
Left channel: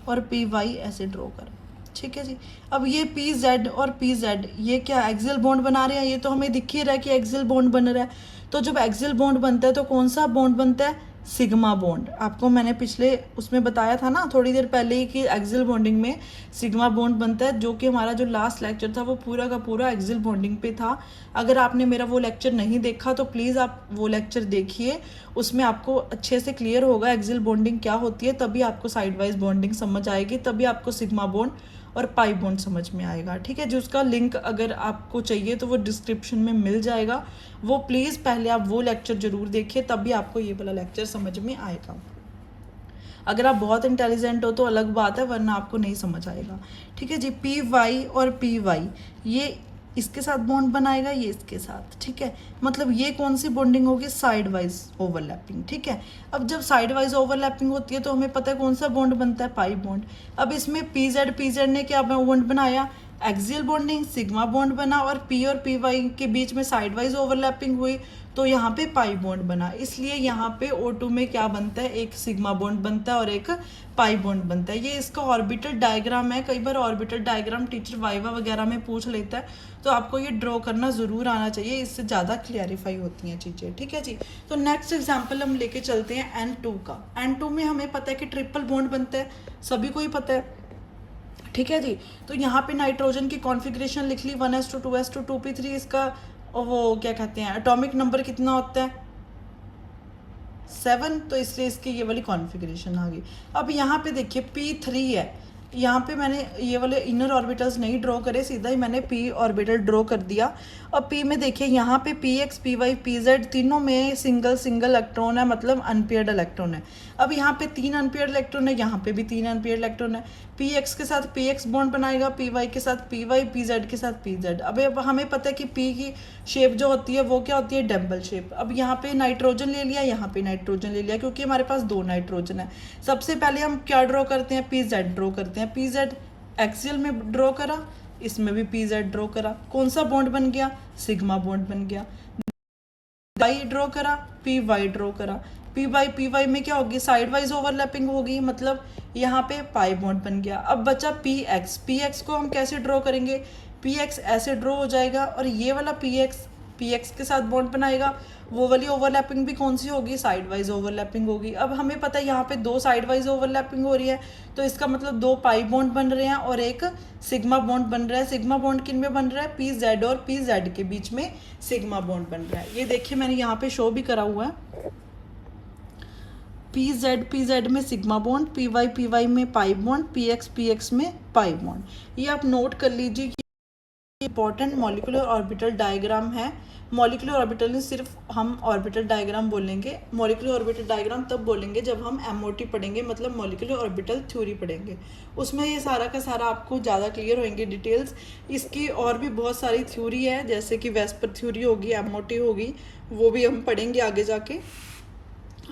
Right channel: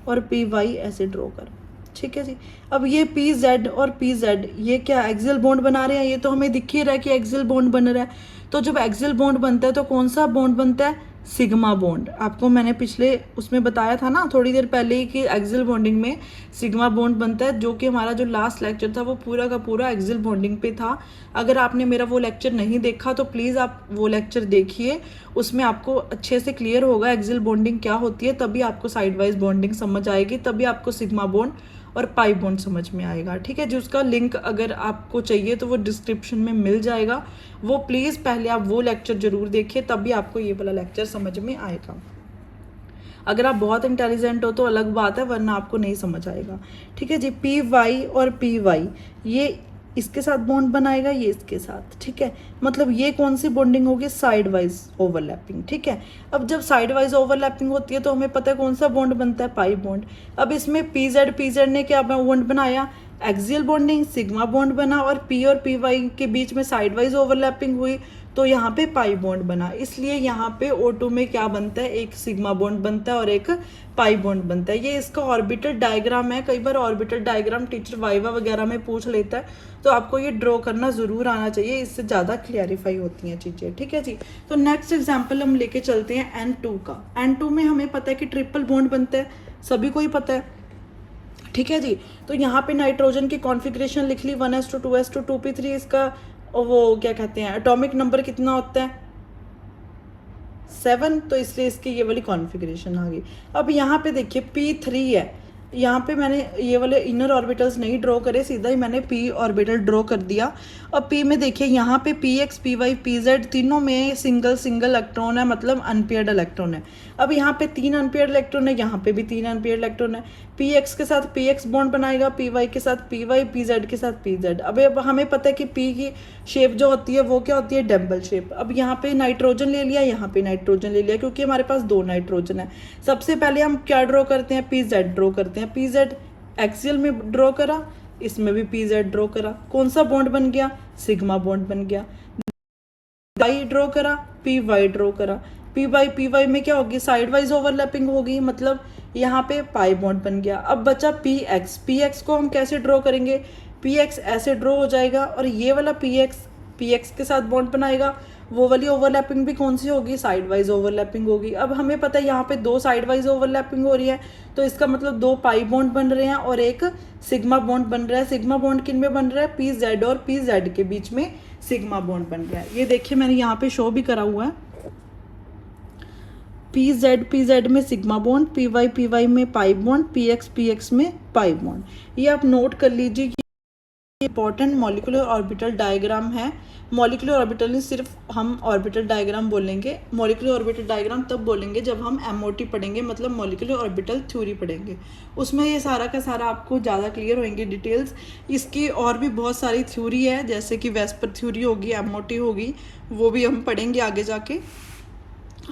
और PY ऐसे ड्रॉ करा। ठीक है जी। अब ये PZ और PZ ये क्या एक्सियल बॉन्ड बना रहे हैं, ये तो हमें दिख ही रहा है कि एक्सियल बॉन्ड बन रहा है। तो जब एक्सियल बॉन्ड बनता है तो कौन सा बॉन्ड बनता है, सिग्मा बॉन्ड। आपको मैंने पिछले उसमें बताया था ना थोड़ी देर पहले ही कि एक्सियल बॉन्डिंग में सिग्मा बॉन्ड बनता है, जो कि हमारा जो लास्ट लेक्चर था वो पूरा का पूरा एक्सियल बॉन्डिंग पे था। अगर आपने मेरा वो लेक्चर नहीं देखा तो प्लीज़ आप वो लेक्चर देखिए, उसमें आपको अच्छे से क्लियर होगा एक्सियल बॉन्डिंग क्या होती है, तभी आपको साइड वाइज बॉन्डिंग समझ आएगी, तभी आपको सिग्मा बॉन्ड और पाई बॉन्ड समझ में आएगा। ठीक है, जिसका लिंक अगर आपको चाहिए तो वो डिस्क्रिप्शन में मिल जाएगा, वो प्लीज़ पहले आप वो लेक्चर जरूर देखिए, तभी आपको ये वाला लेक्चर समझ में आएगा। अगर आप बहुत इंटेलिजेंट हो तो अलग बात है, वरना आपको नहीं समझ आएगा। ठीक है जी, PY और PY ये इसके साथ बॉन्ड बनाएगा, ये इसके साथ। ठीक है, मतलब ये कौन सी बॉन्डिंग होगी, साइड वाइज ओवरलैपिंग। ठीक है, अब जब साइड वाइज ओवरलैपिंग होती है तो हमें पता है कौन सा बॉन्ड बनता है, पाई बॉन्ड। अब इसमें PZ ने क्या बॉन्ड बनाया, एक्सियल बॉन्डिंग, सिग्मा बॉन्ड बना, और P और PY के बीच में साइड वाइज ओवरलैपिंग हुई तो यहाँ पे पाई बॉन्ड बना। इसलिए यहाँ पे O2 में क्या बनता है, एक सिग्मा बॉन्ड बनता है और एक पाई बॉन्ड बनता है। ये इसका ऑर्बिटल डायग्राम है। कई बार ऑर्बिटल डायग्राम टीचर वाइवा वगैरह में पूछ लेता है, तो आपको ये ड्रॉ करना जरूर आना चाहिए, इससे ज़्यादा क्लियरिफाई होती हैं चीज़ें। ठीक है जी। तो नेक्स्ट एग्जाम्पल हम लेके चलते हैं N2 का। N2 में हमें पता है कि ट्रिपल बॉन्ड बनता है, सभी को ही पता है। ठीक है जी, तो यहाँ पे नाइट्रोजन की कॉन्फ़िगरेशन लिख ली, 1s2 2s2 2p3। इसका वो क्या कहते हैं, एटॉमिक नंबर कितना होता है, 7, तो इसलिए इसकी ये वाली कॉन्फ़िगरेशन आ गई। अब यहाँ पे देखिए P3 है, यहाँ पे मैंने ये वाले इनर ऑर्बिटल्स नहीं ड्रॉ करे, सीधा ही मैंने P ऑर्बिटल ड्रॉ कर दिया। अब P में देखिए यहाँ पे PX PY PZ तीनों में सिंगल इलेक्ट्रॉन है, मतलब अनपेयर्ड इलेक्ट्रॉन है। अब यहाँ पे 3 अनपेयर्ड इलेक्ट्रॉन है, यहाँ पे भी 3 अनपेयर्ड इलेक्ट्रॉन है। PX के साथ PX बॉन्ड बनाएगा, PY के साथ PY, PZ के साथ PZ। अब हमें पता है कि P की शेप जो होती है वो क्या होती है, डम्बल शेप। अब यहाँ पे नाइट्रोजन ले लिया, यहाँ पे नाइट्रोजन ले लिया, क्योंकि हमारे पास 2 नाइट्रोजन है। सबसे पहले हम क्या ड्रॉ करते हैं, PZ ड्रॉ करते हैं। PZ एक्सियल में ड्रॉ करा, इसमें भी PZ ड्रॉ करा, कौन सा बॉन्ड बन गया, सिग्मा बॉन्ड बन गया। Y ड्रॉ करा, PY ड्रॉ करा, पी वाई में क्या होगी, साइड वाइज ओवरलैपिंग होगी, मतलब यहाँ पे पाई बॉन्ड बन गया। अब बचा पी एक्स को हम कैसे ड्रॉ करेंगे, पी एक्स ऐसे ड्रॉ हो जाएगा और ये वाला पी एक्स के साथ बॉन्ड बनाएगा। वो वाली ओवरलैपिंग भी कौन सी होगी, साइड वाइज ओवरलैपिंग होगी। अब हमें पता है यहाँ पे दो साइड वाइज ओवरलैपिंग हो रही है, तो इसका मतलब दो पाई बॉन्ड बन रहे हैं और एक सिग्मा बॉन्ड बन रहा है। सिग्मा बॉन्ड किन में बन रहा है, पी जेड और पी जेड के बीच में सिग्मा बॉन्ड बन रहा है। ये देखिए मैंने यहाँ पे शो भी करा हुआ है, पी जेड में सिग्मा बॉन्ड, पी वाई में पाई बॉन्ड, पी एक्स में पाई बॉन्ड। ये आप नोट कर लीजिए कि इंपॉर्टेंट मॉलिक्यूलर ऑर्बिटल डायग्राम है। मॉलिक्यूलर ऑर्बिटल में सिर्फ हम ऑर्बिटल डायग्राम बोलेंगे, मॉलिक्यूलर ऑर्बिटल डायग्राम तब बोलेंगे जब हम एमओटी पढ़ेंगे, मतलब मॉलिक्यूलर ऑर्बिटल थ्योरी पढ़ेंगे। उसमें ये सारा का सारा आपको ज़्यादा क्लियर होंगे डिटेल्स। इसकी और भी बहुत सारी थ्योरी है, जैसे कि वेस्पर थ्योरी होगी, एमओटी होगी, वो भी हम पढ़ेंगे आगे जाके।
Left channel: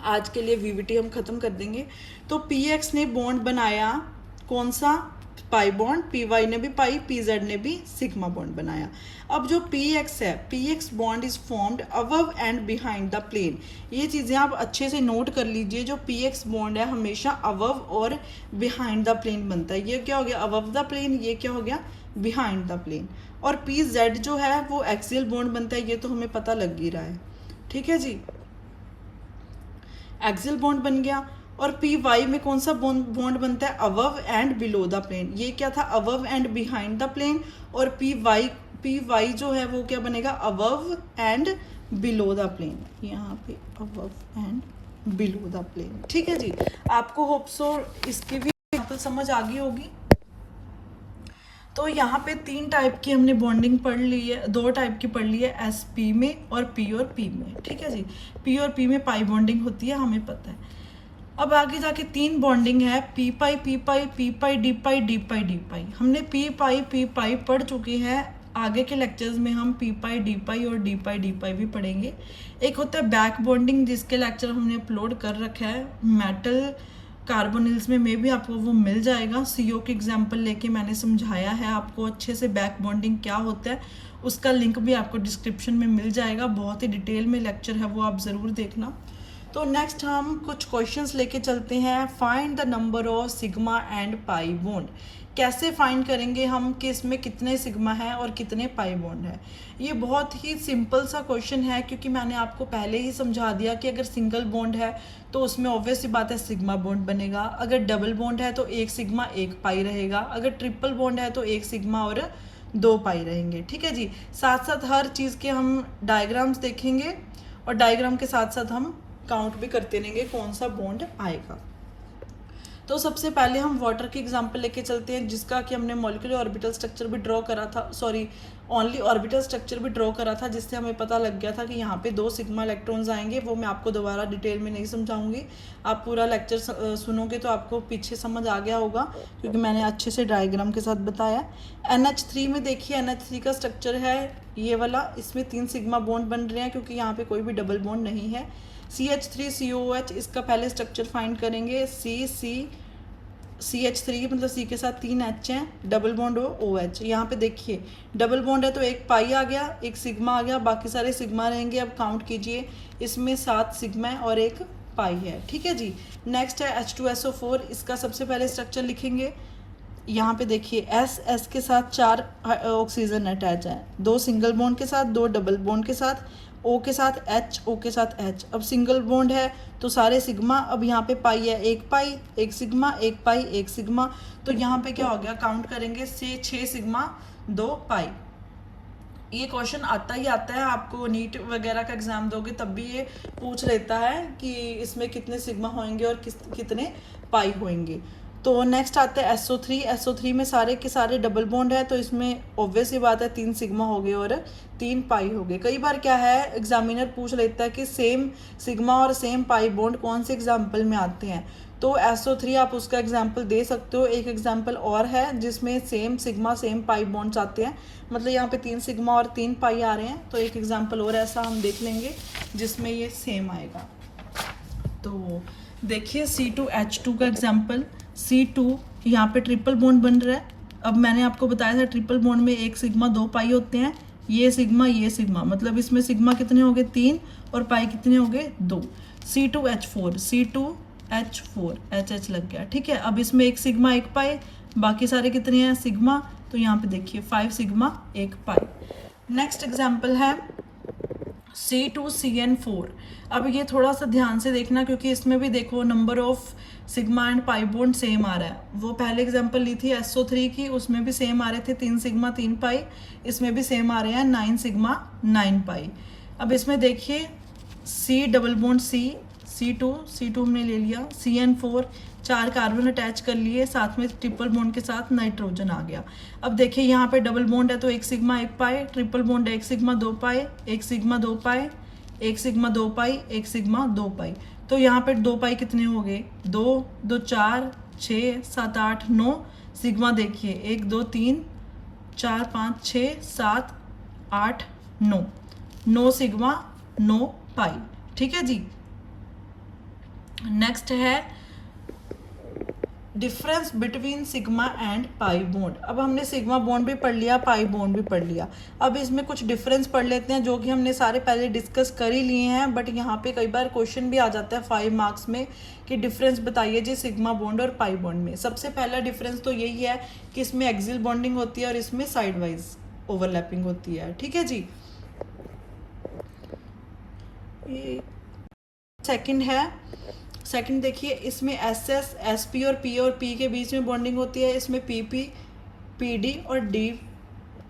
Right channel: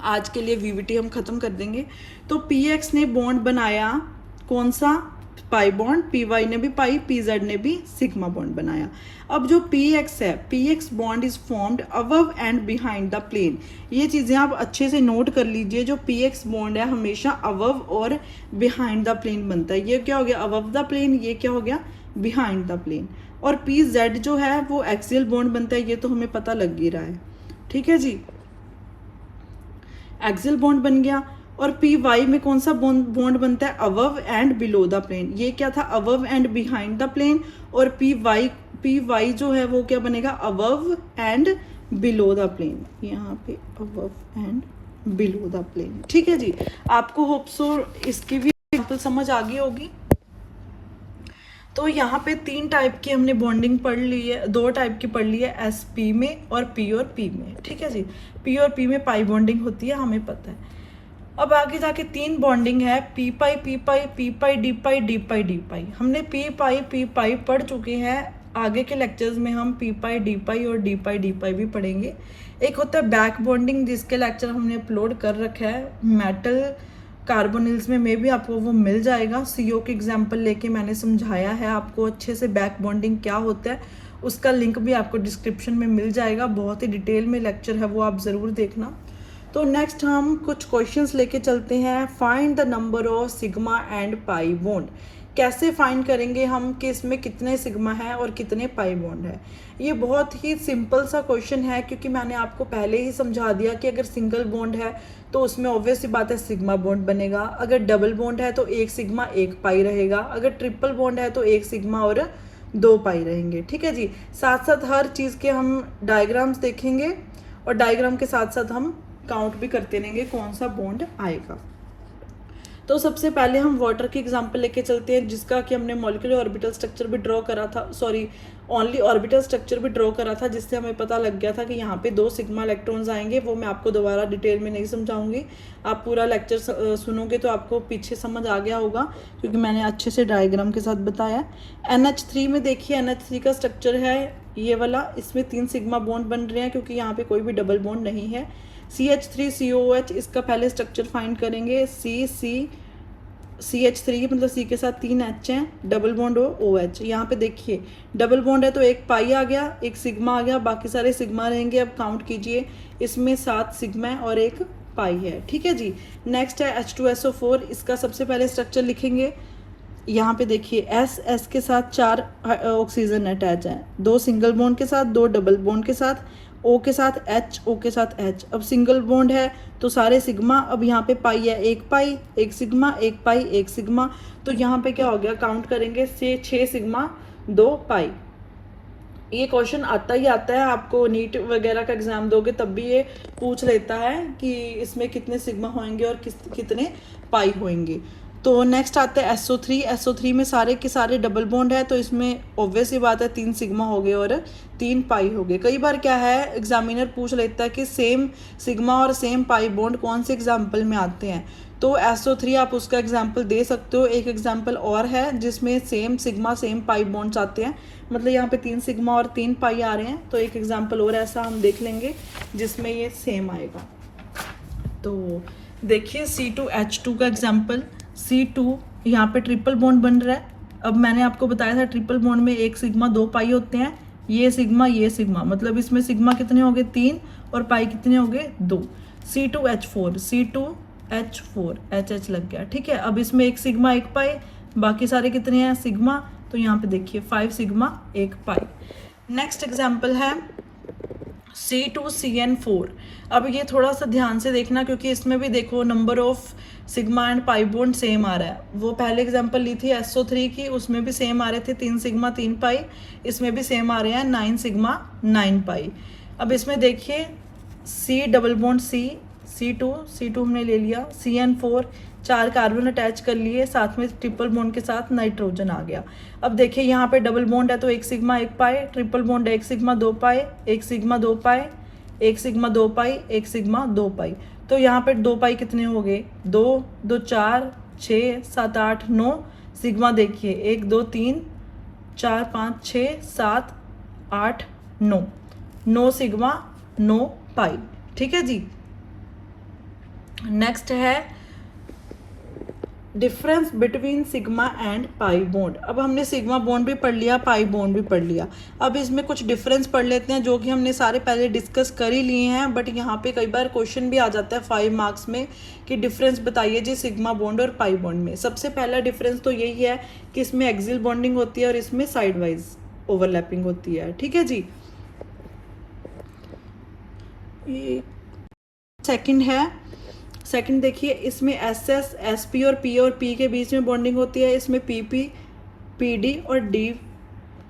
आज के लिए वीवीटी हम खत्म कर देंगे। तो पी एक्स ने बॉन्ड बनाया कौन सा, पाई बॉन्ड, पी वाई ने भी पाई, पी जेड ने भी सिग्मा बॉन्ड बनाया। अब जो पी एक्स है, P X bond is formed above and behind the plane. ये चीज़ें आप अच्छे से नोट कर लीजिए, जो पी एक्स बॉन्ड है हमेशा अबव और बिहाइंड द प्लेन बनता है। ये क्या हो गया, अबव द प्लेन, ये क्या हो गया, बिहाइंड द प्लेन। और पी जेड जो है वो एक्सियल बॉन्ड बनता है, ये तो हमें पता लग ही रहा है, ठीक है जी, एक्सियल बॉन्ड बन गया। और पी वाई में कौन सा बॉन्ड बनता है, above and below the plane. ये क्या था, above and behind the plane. और पी वाई जो है वो क्या बनेगा, above and below the plane, यहाँ पे above and below the plane, ठीक है जी। आपको होप सो इसकी भी एग्जांपल समझ आ गई होगी। तो यहाँ पे 3 टाइप की हमने बॉन्डिंग पढ़ ली है, 2 टाइप की पढ़ ली है, एस पी में और पी में, ठीक है जी। पी और पी में पाई बॉन्डिंग होती है, हमें पता है। अब आगे जाके 3 बॉन्डिंग है, पी पाई डी पाई डी पाई। हमने पी पाई पढ़ चुके हैं, आगे के लेक्चर्स में हम पी पाई डी पाई भी पढ़ेंगे। एक होता है बैक बॉन्डिंग, जिसके लेक्चर हमने अपलोड कर रखा है मेटल कार्बोनिल्स में भी आपको वो मिल जाएगा। सीओ के एग्जाम्पल लेके मैंने समझाया है आपको अच्छे से बैक बॉन्डिंग क्या होता है, उसका लिंक भी आपको डिस्क्रिप्शन में मिल जाएगा। बहुत ही डिटेल में लेक्चर है, वो आप ज़रूर देखना। तो नेक्स्ट हम कुछ क्वेश्चंस लेके चलते हैं। Find the number of sigma and pi bond. कैसे फाइंड करेंगे हम कि इसमें कितने सिग्मा है और कितने पाई बॉन्ड है। ये बहुत ही सिंपल सा क्वेश्चन है, क्योंकि मैंने आपको पहले ही समझा दिया कि अगर सिंगल बॉन्ड है तो उसमें ऑब्वियस सी बात है सिग्मा बॉन्ड बनेगा, अगर डबल बॉन्ड है तो एक सिग्मा एक पाई रहेगा, अगर ट्रिपल बॉन्ड है तो एक सिग्मा और 2 पाई रहेंगे, ठीक है जी। साथ साथ हर चीज़ के हम डायग्राम्स देखेंगे और डायग्राम के साथ साथ हम काउंट भी करते रहेंगे कौन सा बॉन्ड आएगा। तो सबसे पहले हम वाटर की एग्जांपल लेके चलते हैं, जिसका कि हमने मॉलिक्यूलर ऑर्बिटल स्ट्रक्चर भी ड्रॉ करा था, सॉरी ओनली ऑर्बिटल स्ट्रक्चर भी ड्रॉ करा था, जिससे हमें पता लग गया था कि यहाँ पे 2 सिग्मा इलेक्ट्रॉन्स आएंगे। वो मैं आपको दोबारा डिटेल में नहीं समझाऊंगी, आप पूरा लेक्चर सुनोगे तो आपको पीछे समझ आ गया होगा, क्योंकि मैंने अच्छे से डायग्राम के साथ बताया। NH3 में देखिए, NH3 का स्ट्रक्चर है ये वाला, इसमें 3 सिग्मा बॉन्ड बन रहे हैं क्योंकि यहाँ पे कोई भी डबल बॉन्ड नहीं है। CH3COOH, इसका पहले स्ट्रक्चर फाइंड करेंगे। CH3 मतलब C के साथ 3 H हैं, डबल बॉन्ड हो OH। यहाँ पे देखिए डबल बॉन्ड है तो एक पाई आ गया, एक सिग्मा आ गया, बाकी सारे सिग्मा रहेंगे। अब काउंट कीजिए, इसमें 7 सिग्मा है और एक पाई है, ठीक है जी। नेक्स्ट है H2SO4, इसका सबसे पहले स्ट्रक्चर लिखेंगे। यहाँ पे देखिए S के साथ 4 ऑक्सीजन अटैच है, 2 सिंगल बॉन्ड के साथ, 2 डबल बॉन्ड के साथ, O के साथ H, O के साथ H। अब सिंगल बॉन्ड है तो सारे सिग्मा, अब यहाँ पे पाई है, एक पाई, एक सिग्मा, एक पाई, एक सिग्मा, तो यहाँ पे क्या हो गया, काउंट करेंगे से 6 सिग्मा 2 पाई। ये क्वेश्चन आता ही आता है, आपको नीट वगैरह का एग्जाम दोगे तब भी ये पूछ लेता है कि इसमें कितने सिग्मा होंगे और कितने पाई होंगे। तो नेक्स्ट आता है SO3 में सारे के सारे डबल बॉन्ड है, तो इसमें ऑब्वियस ही बात है 3 सिग्मा हो गए और 3 पाई हो गए। कई बार क्या है, एग्जामिनर पूछ लेता है कि सेम सिग्मा और सेम पाई बॉन्ड कौन से एग्जाम्पल में आते हैं, तो SO3 आप उसका एग्जाम्पल दे सकते हो। एक एग्जाम्पल और है जिसमें same sigma same pi bonds आते हैं, मतलब यहाँ पे 3 सिग्मा और 3 पाई आ रहे हैं, तो एक एग्जाम्पल और ऐसा हम देख लेंगे जिसमें ये सेम आएगा। तो देखिए C2H2 का एग्जाम्पल, C2 यहाँ पे ट्रिपल बॉन्ड बन रहा है। अब मैंने आपको बताया था ट्रिपल बॉन्ड में एक सिग्मा 2 पाई होते हैं, ये सिग्मा मतलब इसमें सिग्मा कितने हो गए 3 और पाई कितने हो गए 2। C2H4, C2H4, H लग गया, ठीक है। अब इसमें एक सिग्मा एक पाई, बाकी सारे कितने हैं सिग्मा, तो यहाँ पे देखिए 5 सिग्मा एक पाई। नेक्स्ट एग्जाम्पल है C2CN4। अब ये थोड़ा सा ध्यान से देखना क्योंकि इसमें भी देखो number of sigma and pi bond same आ रहा है। वो पहले एग्जांपल ली थी SO3 की, उसमें भी सेम आ रहे थे 3 सिग्मा 3 पाई, इसमें भी सेम आ रहे हैं 9 सिग्मा 9 पाई। अब इसमें देखिए C डबल बॉन्ड C2 हमने ले लिया, CN4 4 कार्बन अटैच कर लिए, साथ में ट्रिपल बॉन्ड के साथ नाइट्रोजन आ गया। अब देखिए यहाँ पे डबल बॉन्ड है तो 1 सिग्मा 1 पाई, ट्रिपल बॉन्ड है 1 सिग्मा 2 पाई, 1 सिग्मा 2 पाई, 1 सिग्मा 2 पाई, 1 सिग्मा 2 पाई। तो यहाँ पे 2 पाई कितने हो गए, 2 2 4 6 7 8 9 सिग्मा देखिए 1 2 3 4 5 6 7 8 9 9 सिग्मा 9 पाई, ठीक है जी। नेक्स्ट है difference between sigma and pi bond. अब हमने सिग्मा बॉन्ड भी पढ़ लिया, पाई बॉन्ड भी पढ़ लिया। अब इसमें कुछ डिफरेंस पढ़ लेते हैं जो कि हमने सारे पहले डिस्कस कर ही लिए हैं, बट यहाँ पे कई बार क्वेश्चन भी आ जाता है 5 मार्क्स में कि डिफरेंस बताइए जी सिग्मा बॉन्ड और पाई बॉन्ड में। सबसे पहला डिफरेंस तो यही है कि इसमें एक्सियल बॉन्डिंग होती है और इसमें साइड वाइज ओवरलैपिंग होती है, ठीक है जी। सेकंड देखिए इसमें SS, SP और P के बीच में बॉन्डिंग होती है, इसमें PP, PD और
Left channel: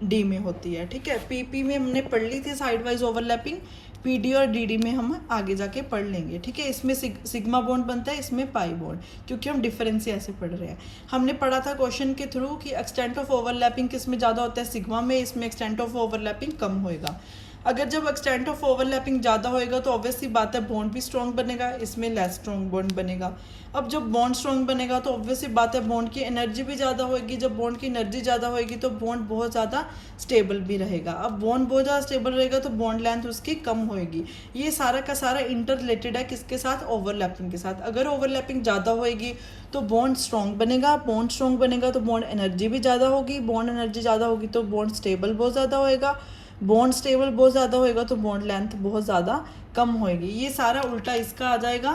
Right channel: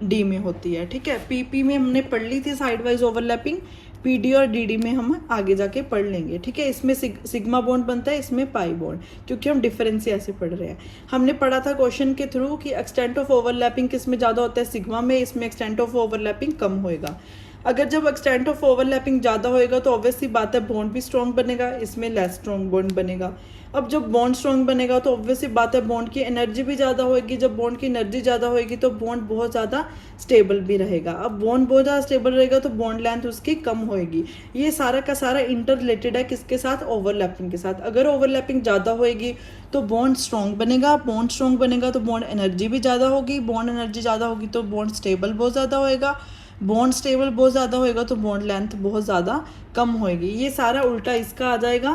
D में होती है, ठीक है। PP में हमने पढ़ ली थी साइड वाइज ओवरलैपिंग, PD और DD में हम आगे जाके पढ़ लेंगे, ठीक है। इसमें सिग्मा बॉन्ड बनता है, इसमें पाई बॉन्ड, क्योंकि हम डिफरेंस ही ऐसे पढ़ रहे हैं। हमने पढ़ा था क्वेश्चन के थ्रू कि एक्सटेंट ऑफ ओवरलैपिंग किस में ज़्यादा होता है, सिग्मा में, इसमें एक्सटेंट ऑफ ओवरलैपिंग कम होएगा। अगर जब एक्सटेंट ऑफ ओवरलैपिंग ज़्यादा होएगा तो ऑब्वियसली बात है बॉन्ड भी स्ट्रॉन्ग बनेगा, इसमें लेस स्ट्रॉन्ग बॉन्ड बनेगा। अब जब बॉन्ड स्ट्रॉन्ग बनेगा तो ऑब्वियसली बात है बॉन्ड की एनर्जी भी ज़्यादा होएगी, जब बॉन्ड की एनर्जी ज़्यादा होएगी तो बॉन्ड बहुत ज़्यादा स्टेबल भी रहेगा। अब बॉन्ड बहुत ज़्यादा स्टेबल रहेगा तो बॉन्ड लेंथ उसकी कम होएगी। ये सारा का सारा इंटर रिलेटेड है किसके साथ, ओवरलैपिंग के साथ। अगर ओवरलैपिंग ज़्यादा होएगी तो बॉन्ड स्ट्रॉन्ग बनेगा, बॉन्ड स्ट्रॉन्ग बनेगा तो बॉन्ड एनर्जी भी ज़्यादा होगी, बॉन्ड एनर्जी ज़्यादा होगी तो बॉन्ड स्टेबल बहुत ज़्यादा होएगा, बॉन्ड स्टेबल बहुत ज़्यादा होएगा तो बॉन्ड लेंथ बहुत ज़्यादा कम होएगी। ये सारा उल्टा इसका आ जाएगा,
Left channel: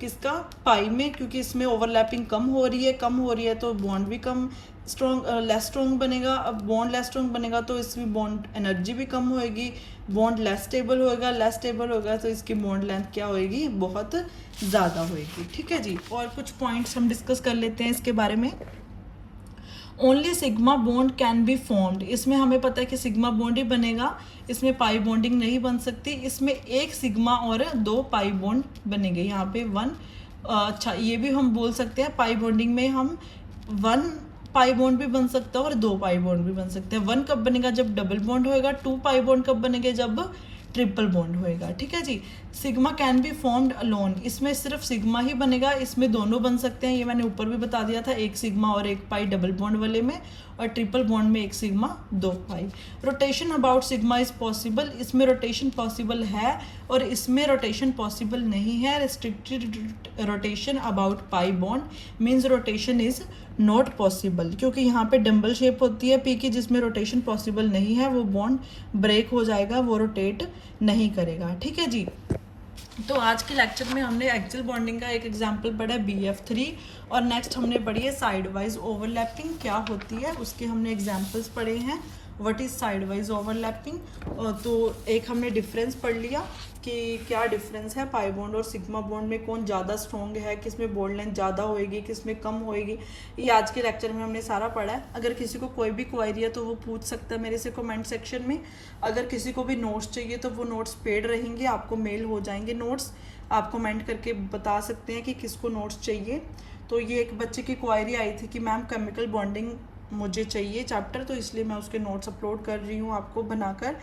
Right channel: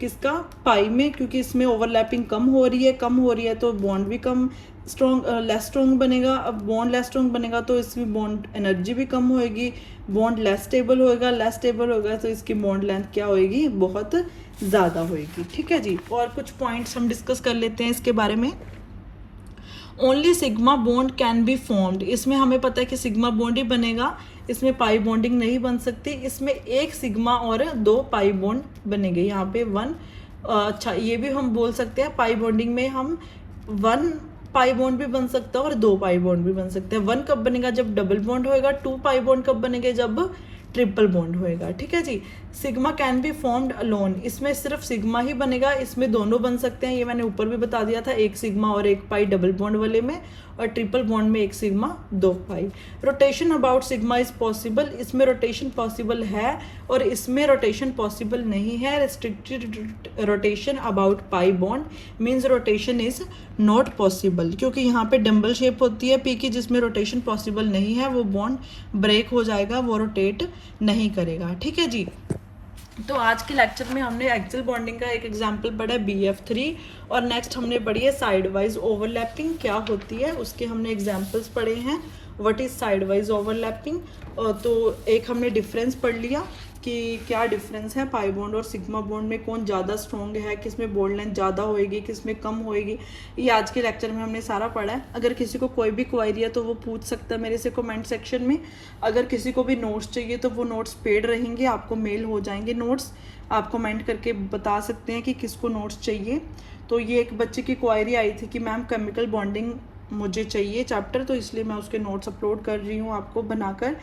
किसका, पाई में, क्योंकि इसमें ओवरलैपिंग कम हो रही है तो बॉन्ड भी कम स्ट्रॉन्ग लेस स्ट्रॉन्ग बनेगा। अब बॉन्ड लेस स्ट्रॉन्ग बनेगा तो इसमें बॉन्ड एनर्जी भी कम होएगी, बॉन्ड लेस स्टेबल होगा तो इसकी बॉन्ड लेंथ क्या होएगी, बहुत ज़्यादा होएगी, ठीक है जी। और कुछ पॉइंट्स हम डिस्कस कर लेते हैं इसके बारे में। Only sigma bond can be formed, इसमें हमें पता है कि सिग्मा बॉन्ड ही बनेगा, इसमें पाई बॉन्डिंग नहीं बन सकती। इसमें 1 सिग्मा और 2 पाई बॉन्ड बनेंगे, यहाँ पे 1। अच्छा ये भी हम बोल सकते हैं पाई बॉन्डिंग में हम 1 पाई बॉन्ड भी बन सकता है और 2 पाई बॉन्ड भी बन सकते हैं। 1 कब बनेगा, जब डबल बॉन्ड होएगा। 2 पाई बॉन्ड कब बनेंगे, जब ट्रिपल बॉन्ड होएगा, ठीक है जी। Sigma can be formed alone, इसमें सिर्फ सिग्मा ही बनेगा, इसमें दोनों बन सकते हैं, ये मैंने ऊपर भी बता दिया था, 1 सिग्मा और 1 पाई डबल बॉन्ड वाले में, और ट्रिपल बॉन्ड में 1 sigma 2 pi. Rotation about sigma is possible, इसमें रोटेशन पॉसिबल है और इसमें रोटेशन पॉसिबल नहीं है। Restricted rotation about pi bond means rotation is not possible, क्योंकि यहाँ पे डम्बल शेप होती है पी की, जिसमें रोटेशन पॉसिबल नहीं है, वो बॉन्ड ब्रेक हो जाएगा, वो रोटेट नहीं करेगा, ठीक है जी। तो आज के लेक्चर में हमने एक्सियल बॉन्डिंग का एक एग्जांपल पढ़ा है BF3, और नेक्स्ट हमने पढ़ी है साइड वाइज ओवरलैपिंग क्या होती है, उसके हमने एग्जांपल्स पढ़े हैं। What is side wise overlapping, तो एक हमने डिफरेंस पढ़ लिया कि क्या डिफरेंस है पाई बॉन्ड और सिग्मा बॉन्ड में, कौन ज़्यादा स्ट्रॉन्ग है, किस में बॉन्ड लेंथ ज़्यादा होएगी, किस में कम होएगी। ये आज के लेक्चर में हमने सारा पढ़ा है। अगर किसी को कोई भी क्वेरी है तो वो पूछ सकता है मेरे से कमेंट सेक्शन में। अगर किसी को भी नोट्स चाहिए तो वो नोट्स पेड रहेंगे, आपको मेल हो जाएंगे नोट्स, आप कमेंट करके बता सकते हैं कि किसको नोट्स चाहिए। तो ये एक बच्चे की क्वेरी आई थी कि मैम केमिकल बॉन्डिंग मुझे चाहिए चैप्टर, तो इसलिए मैं उसके नोट्स अपलोड कर रही हूँ आपको बनाकर।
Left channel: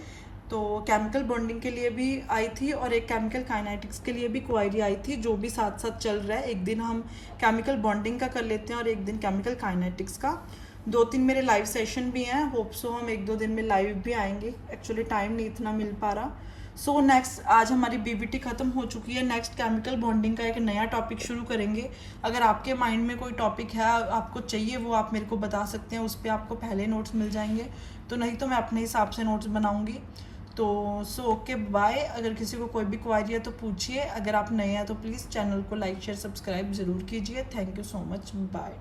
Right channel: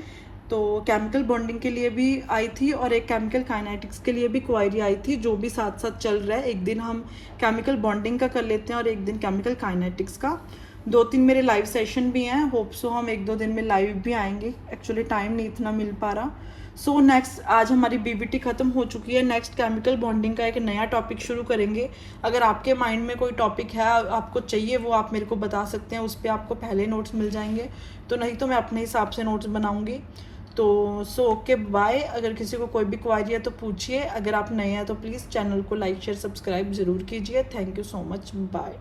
तो केमिकल बॉन्डिंग के लिए भी आई थी और एक केमिकल काइनेटिक्स के लिए भी क्वेरी आई थी, जो भी साथ साथ चल रहा है। एक दिन हम केमिकल बॉन्डिंग का कर लेते हैं और एक दिन केमिकल काइनेटिक्स का। 2-3 मेरे लाइव सेशन भी हैं, होप सो हम 1-2 दिन में लाइव भी आएंगे, एक्चुअली टाइम नहीं इतना मिल पा रहा। सो नेक्स्ट आज हमारी BBT खत्म हो चुकी है, नेक्स्ट केमिकल बॉन्डिंग का एक नया टॉपिक शुरू करेंगे। अगर आपके माइंड में कोई टॉपिक है आपको चाहिए, वो आप मेरे को बता सकते हैं, उस पर आपको पहले नोट्स मिल जाएंगे, तो नहीं तो मैं अपने हिसाब से नोट्स बनाऊंगी। तो सो ओके बाय। अगर किसी को कोई भी क्वारी है तो पूछिए, अगर आप नए हैं तो प्लीज़ चैनल को लाइक शेयर सब्सक्राइब ज़रूर कीजिए। Thank you so much, bye.